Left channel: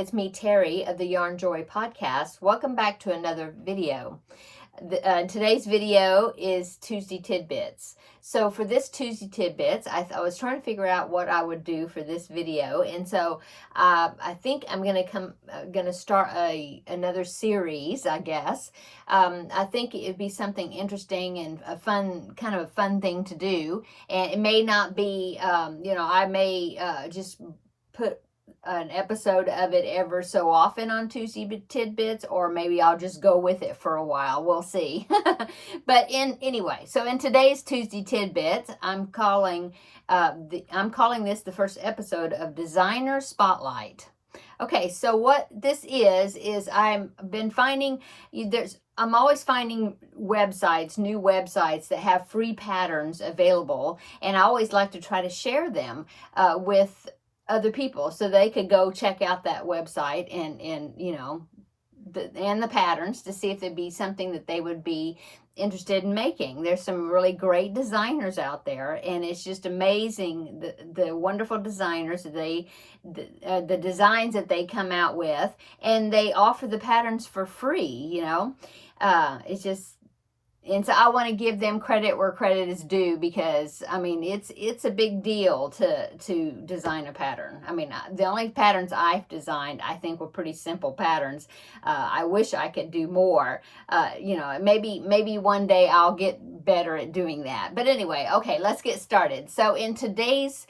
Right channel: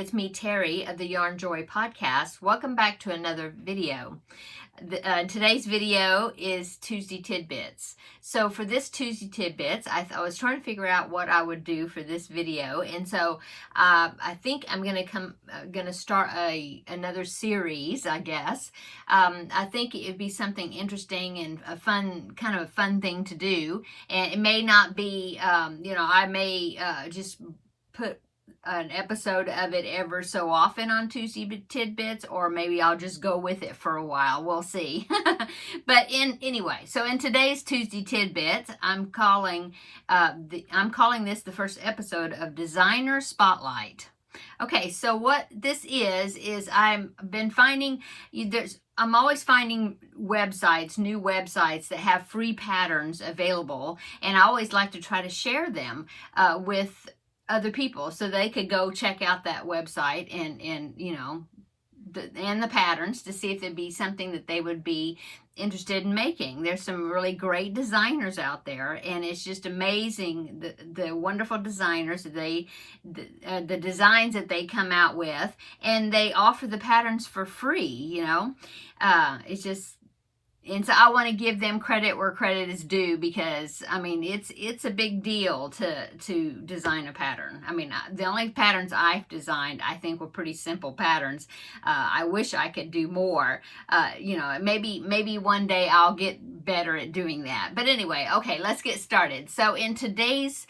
it's me, Terry, of the Yarn Joy podcast. Welcome back to another video. Today's video is Tuesday Tidbits. So for this Tuesday Tidbits, I was trying to figure out what I would do for this video, and so I think I'm gonna start another series, I guess. I think it'd be something interesting and a fun thing to do, and it may not be, I may just put an episode of it ever so often on Tuesday Tidbits, or maybe I'll just go with it for a while. We'll see. But anyway, so in today's Tuesday Tidbits, I'm calling this the first episode of Designer Spotlight. Okay, so what this is I'm always finding websites, new websites that have free patterns available, and I always like to try to share them with other people so they could go check out that website and the patterns to see if it'd be something that they would be interested in making. There's some really great designers out there, and it's just amazing the wonderful designers that the designs that they come out with, and they offer the patterns for free. It's just. And so I want to give them credit where credit is due, because I mean it's a big deal to design a pattern. I mean, the only patterns I've designed I think were pretty simple patterns. I wish I could do more. Maybe one day I'll get better at doing that. But anyway, okay, let's get started. So in today's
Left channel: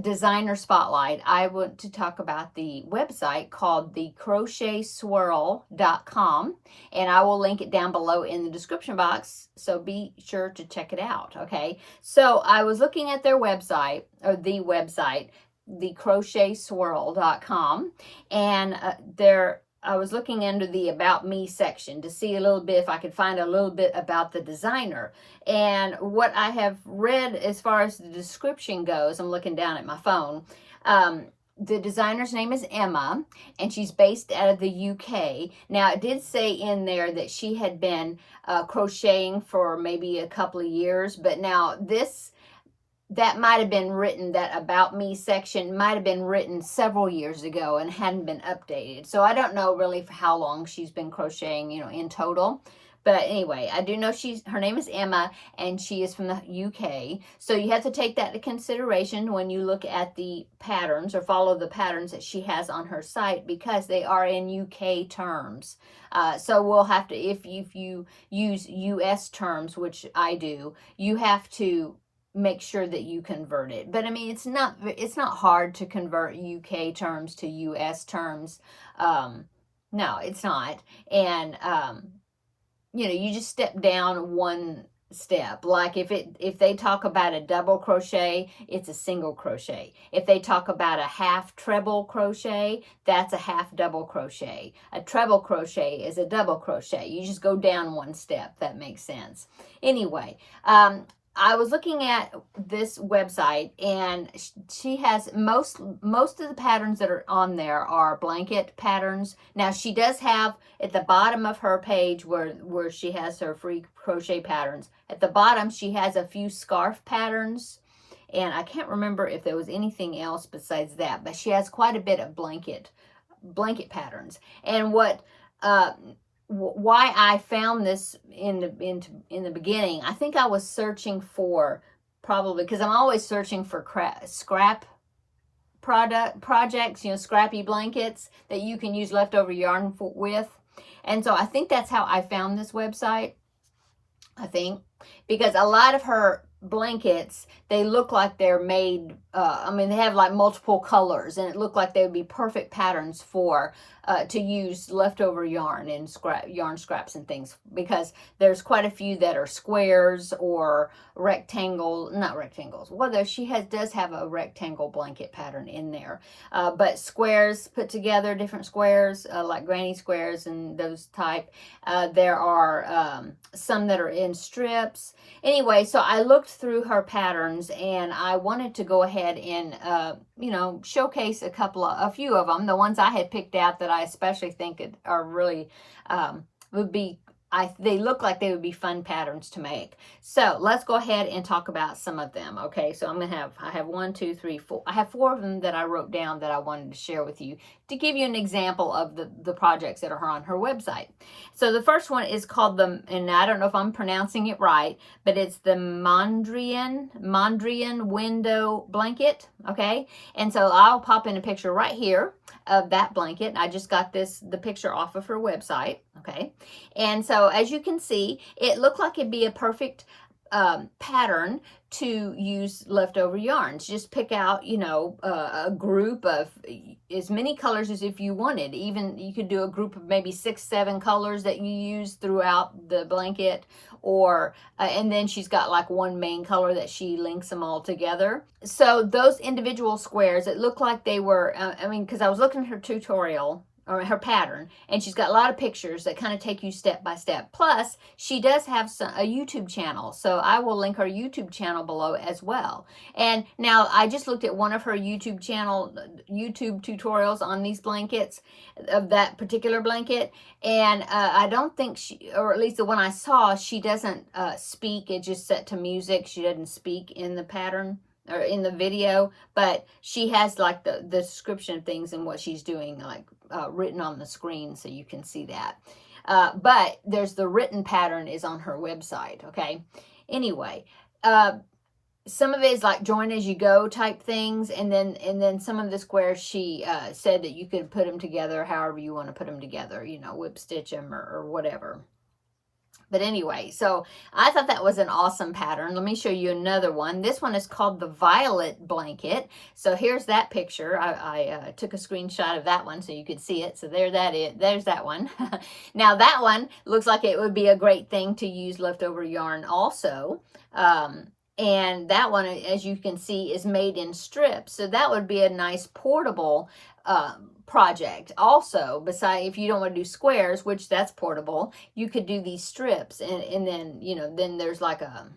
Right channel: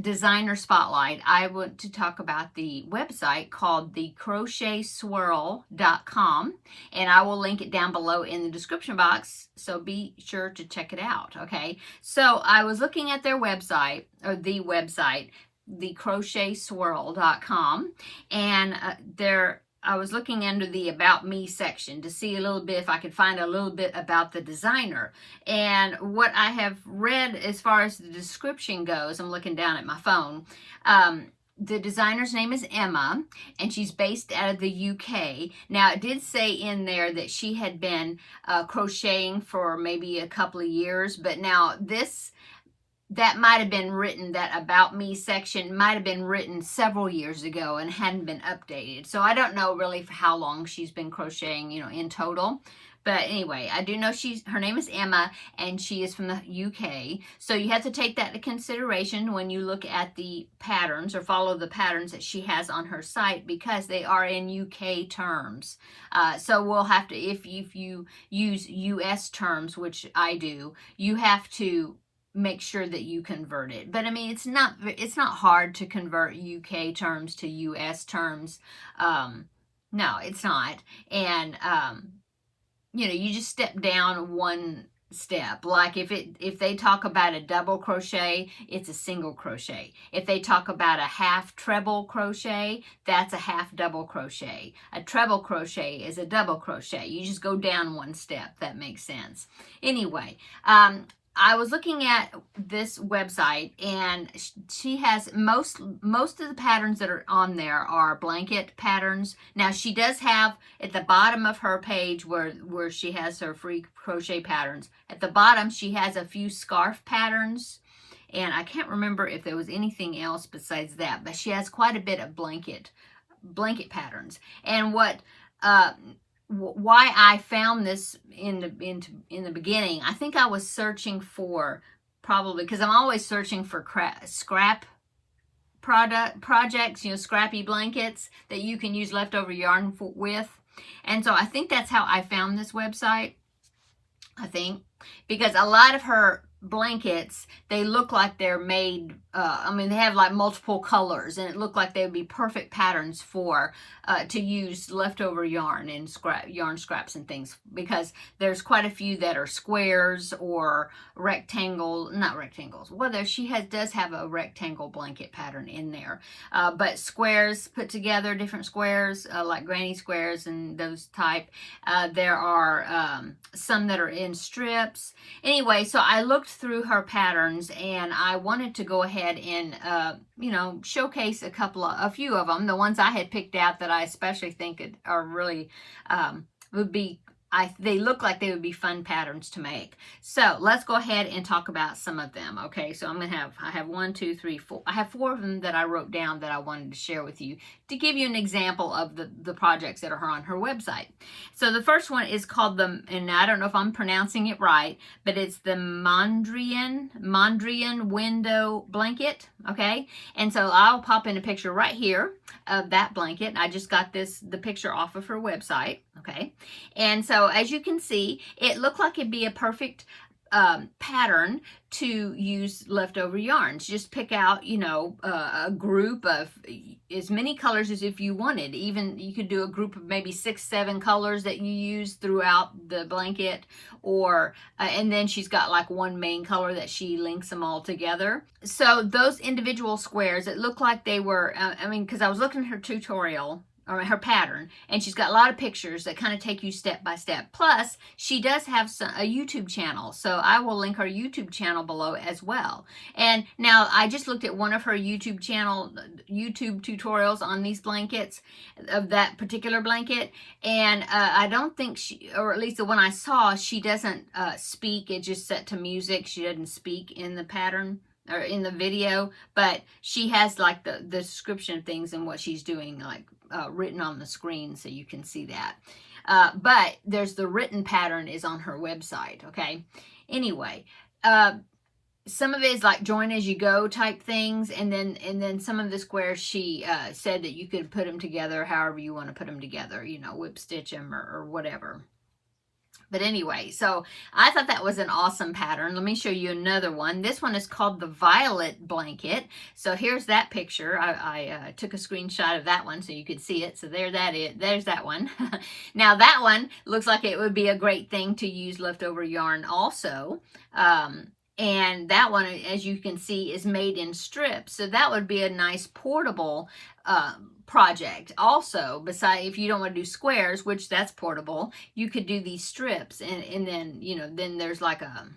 Designer Spotlight, I want to talk about the website called the CrochetSwirl.com, and I will link it down below in the description box, so be sure to check it out. Okay, so I was looking at their website, or the website, the CrochetSwirl.com, and I was looking under the About Me section to see a little bit if I could find a little bit about the designer. And what I have read as far as the description goes, I'm looking down at my phone, the designer's name is Emma, and she's based out of the UK. Now, it did say in there that she had been crocheting for maybe a couple of years, but now that might have been written, that About Me section might have been written several years ago and hadn't been updated. So I don't know really for how long she's been crocheting, in total. But anyway, I do know her name is Emma, and she is from the UK. So you have to take that into consideration when you look at the patterns or follow the patterns that she has on her site, because they are in UK terms. So we'll have to, if you use US terms, which I do, you have to make sure that you convert it. But I mean, it's not hard to convert UK terms to US terms. No, it's not. And you just step down one step. Like if they talk about a double crochet, it's a single crochet. If they talk about a half treble crochet, that's a half double crochet. A treble crochet is a double crochet. You just go down one step. That makes sense. Anyway, I was looking at this website, and she has most of the patterns that are on there are blanket patterns. Now, she does have at the bottom of her page where she has her free crochet patterns. At the bottom, she has a few scarf patterns, and I can't remember if there was anything else besides that, but she has quite a bit of blanket patterns. And why I found this in the beginning, I think I was searching for, probably because I'm always searching for scrap projects, scrappy blankets that you can use leftover yarn with. And so I think that's how I found this website. I think because a lot of her blankets, they look like they're made, they have like multiple colors, and it looked like they would be perfect patterns for to use leftover yarn and yarn scraps and things, because there's quite a few that are squares or not rectangles. Well, does have a rectangle blanket pattern in there, but squares put together, different squares, like granny squares and those type. There are some that are in strips. Anyway, so I looked through her patterns, and I wanted to go ahead and showcase a few of them, the ones I had picked out that I especially think are really would be they look like they would be fun patterns to make. So let's go ahead and talk about some of them. Okay, so I have 1, 2, 3, 4. I have 4 of them that I wrote down that I wanted to share with you to give you an example of the projects that are on her website. So the first one is called and I don't know if I'm pronouncing it right, but it's the Mondrian window blanket. Okay, and so I'll pop in a picture right here of that blanket. I just got the picture off of her website. Okay, and so as you can see, it looked like it'd be a perfect pattern to use leftover yarns. Just pick out, a group of as many colors as if you wanted. Even you could do a group of maybe 6, 7 colors that you use throughout the blanket, or and then she's got like one main color that she links them all together. So those individual squares, it looked like they were, because I was looking at her tutorial, or her pattern, and she's got a lot of pictures that kind of take you step by step. Plus, she does have a YouTube channel, so I will link her YouTube channel below as well. And now I just looked at one of her YouTube tutorials on these blankets, of that particular blanket, and I don't think she, or at least the one I saw, she doesn't speak. It's just set to music. She doesn't speak in the pattern or in the video, but she has like the description of things and what she's doing, like written on the screen, so you can see that. But there's the written pattern is on her website. Okay, anyway, some of it is like join as you go type things, and then some of the squares she said that you could put them together however you want to put them together, whip stitch them or whatever. But anyway, so I thought that was an awesome pattern. Let me show you another one. This one is called the Violet Blanket. So here's that picture. I took a screenshot of that one so you could see it. So there's that one. Now that one looks like it would be a great thing to use leftover yarn also. And that one, as you can see, is made in strips. So that would be a nice portable project. Also, besides, if you don't want to do squares, which that's portable, you could do these strips, and then, then there's like a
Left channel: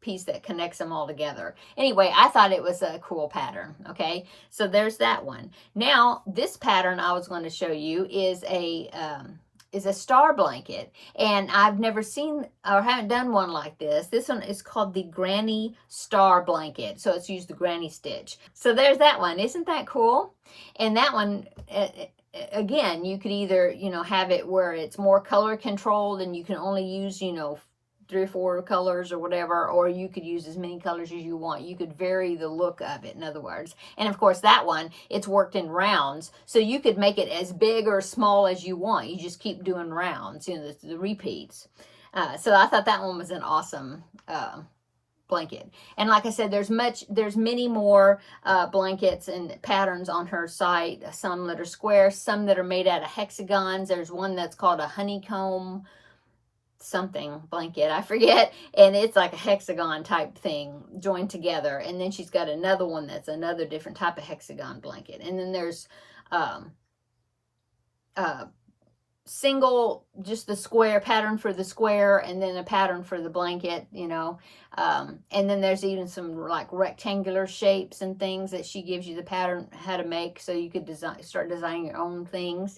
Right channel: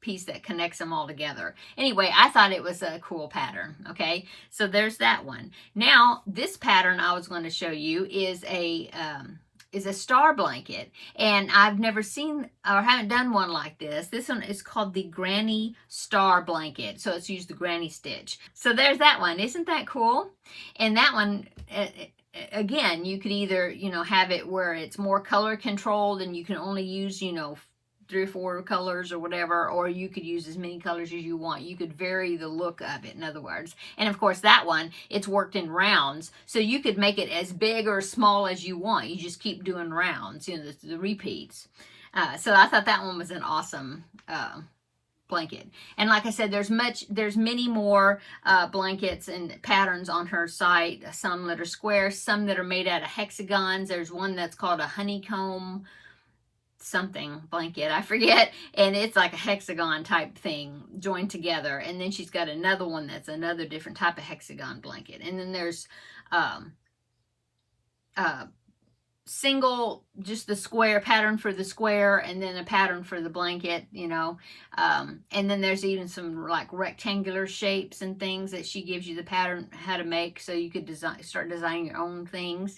piece that connects them all together. Anyway, I thought it was a cool pattern. Okay, so there's that one. Now, this pattern I was going to show you is a star blanket, and I've never seen or haven't done one like this. This one is called the Granny Star Blanket, so it's used the granny stitch. So there's that one. Isn't that cool? And that one, again, you could either have it where it's more color controlled and you can only use 3 or 4 colors or whatever, or you could use as many colors as you want. You could vary the look of it, in other words. And of course that one, it's worked in rounds, so you could make it as big or small as you want. You just keep doing rounds, the repeats. So I thought that one was an awesome blanket. And like I said, there's many more blankets and patterns on her site. Some that are square, some that are made out of hexagons. There's one that's called a honeycomb something blanket, I forget, and it's like a hexagon type thing joined together. And then she's got another one that's another different type of hexagon blanket. And then there's single, just the square pattern for the square, and then a pattern for the blanket, and then there's even some like rectangular shapes and things that she gives you the pattern how to make, so you could start designing your own things,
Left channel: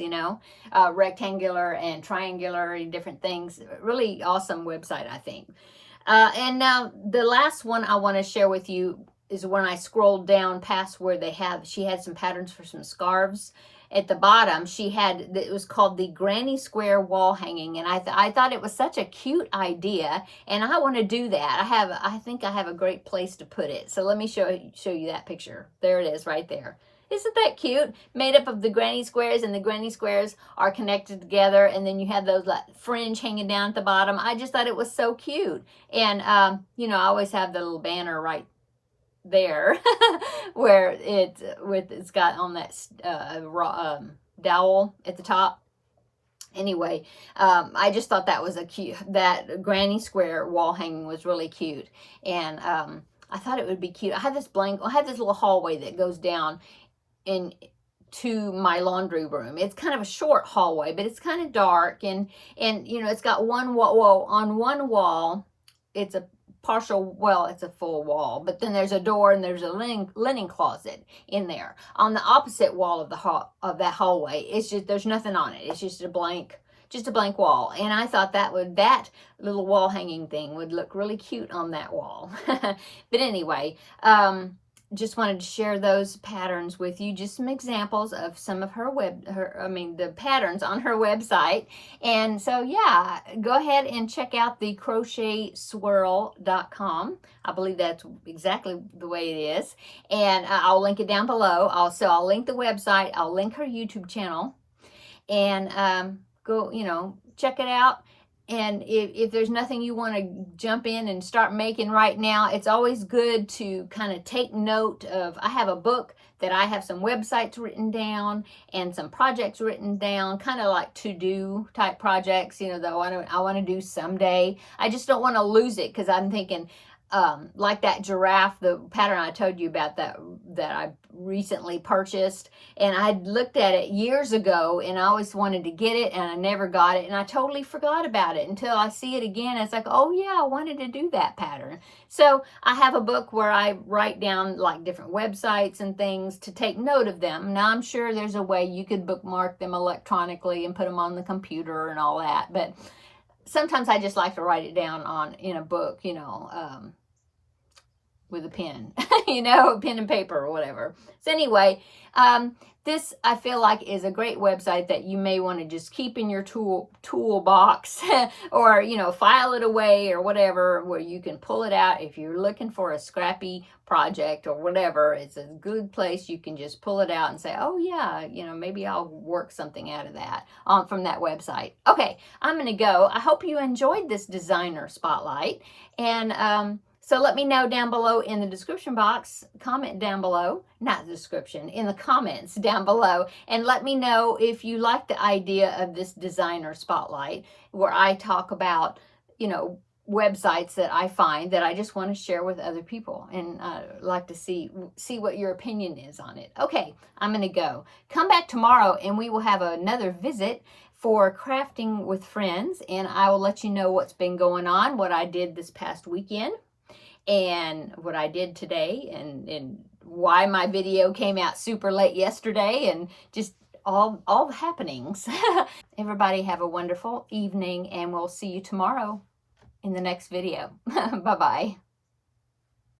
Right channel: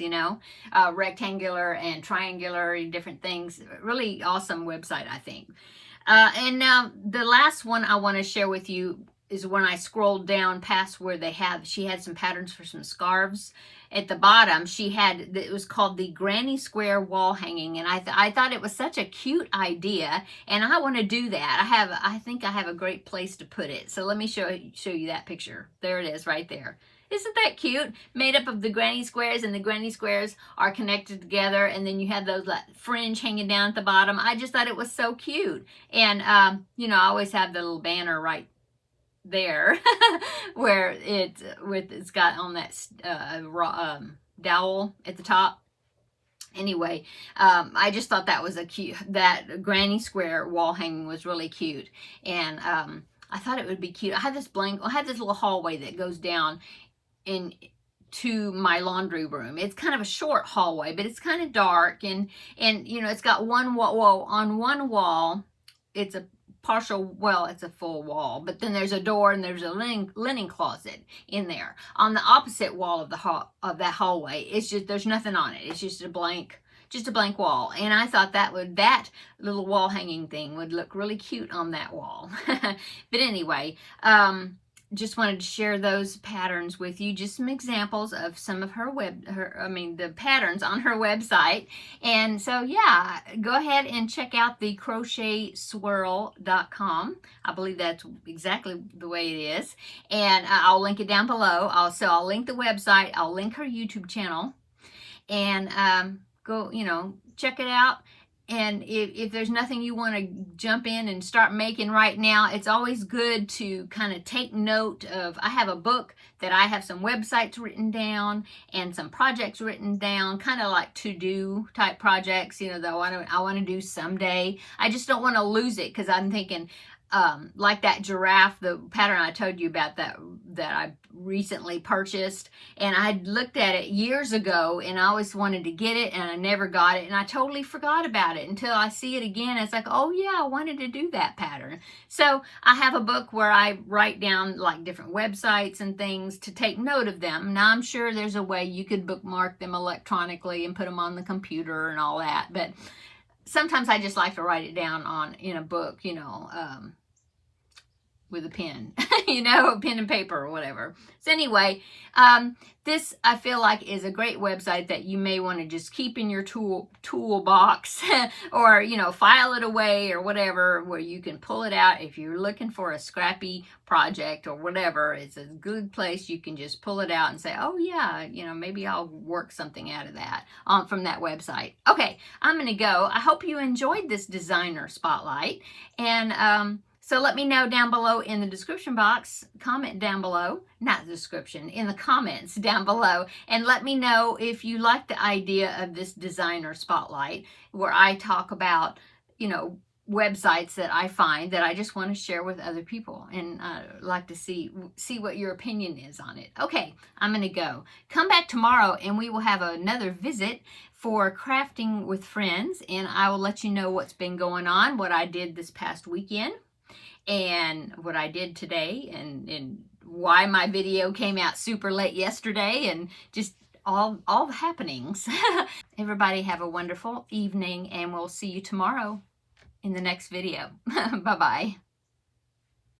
rectangular and triangular and different things. Really awesome website, I think. And now the last one I want to share with you is when I scrolled down past where she had some patterns for some scarves. At the bottom, it was called the Granny Square Wall Hanging, and I thought it was such a cute idea, and I want to do that. I think I have a great place to put it. So let me show you that picture. There it is right there. Isn't that cute? Made up of the granny squares, and the granny squares are connected together, and then you have those like fringe hanging down at the bottom. I just thought it was so cute. And I always have the little banner right there where it's got on that dowel at the top. Anyway, I just thought that was that granny square wall hanging was really cute, and I thought it would be cute. I have this little hallway that goes down to my laundry room. It's kind of a short hallway, but it's kind of dark, and it's got one wall. Well, on one wall it's a it's a full wall, but then there's a door and there's a linen closet in there. On the opposite wall of that hallway, there's nothing on it. It's just just a blank wall. And I thought that little wall hanging thing would look really cute on that wall. But anyway, just wanted to share those patterns with you, just some examples of some of the patterns on her website. And so yeah, go ahead and check out the crochetswirl.com. I believe that's exactly the way it is, and I'll link it down below. I'll link the website, I'll link her YouTube channel, and go, check it out. And if there's nothing you want to jump in and start making right now, it's always good to kind of take note of, I have a book that I have some websites written down and some projects written down, kind of like to-do type projects, that I want to do someday. I just don't want to lose it, because I'm thinking, like that giraffe, the pattern I told you about that I recently purchased, and I looked at it years ago and I always wanted to get it and I never got it, and I totally forgot about it until I see it again. It's like, oh yeah, I wanted to do that pattern. So I have a book where I write down like different websites and things to take note of them. Now I'm sure there's a way you could bookmark them electronically and put them on the computer and all that, but sometimes I just like to write it down in a book, with a pen, pen and paper or whatever. So anyway, this I feel like is a great website that you may want to just keep in your toolbox or, file it away or whatever, where you can pull it out if you're looking for a scrappy project or whatever. It's a good place. You can just pull it out and say, oh yeah, maybe I'll work something out of that from that website. Okay, I'm going to go. I hope you enjoyed this designer spotlight, and so let me know down below in the description box, comment down below, not the description, in the comments down below, and let me know if you like the idea of this designer spotlight, where I talk about, websites that I find that I just want to share with other people, and like to see what your opinion is on it. Okay, I'm going to go. Come back tomorrow and we will have another visit for Crafting with Friends, and I will let you know what's been going on, what I did this past weekend, and what I did today, and why my video came out super late yesterday, and just all the happenings. Everybody have a wonderful evening, and we'll see you tomorrow in the next video. Bye-bye.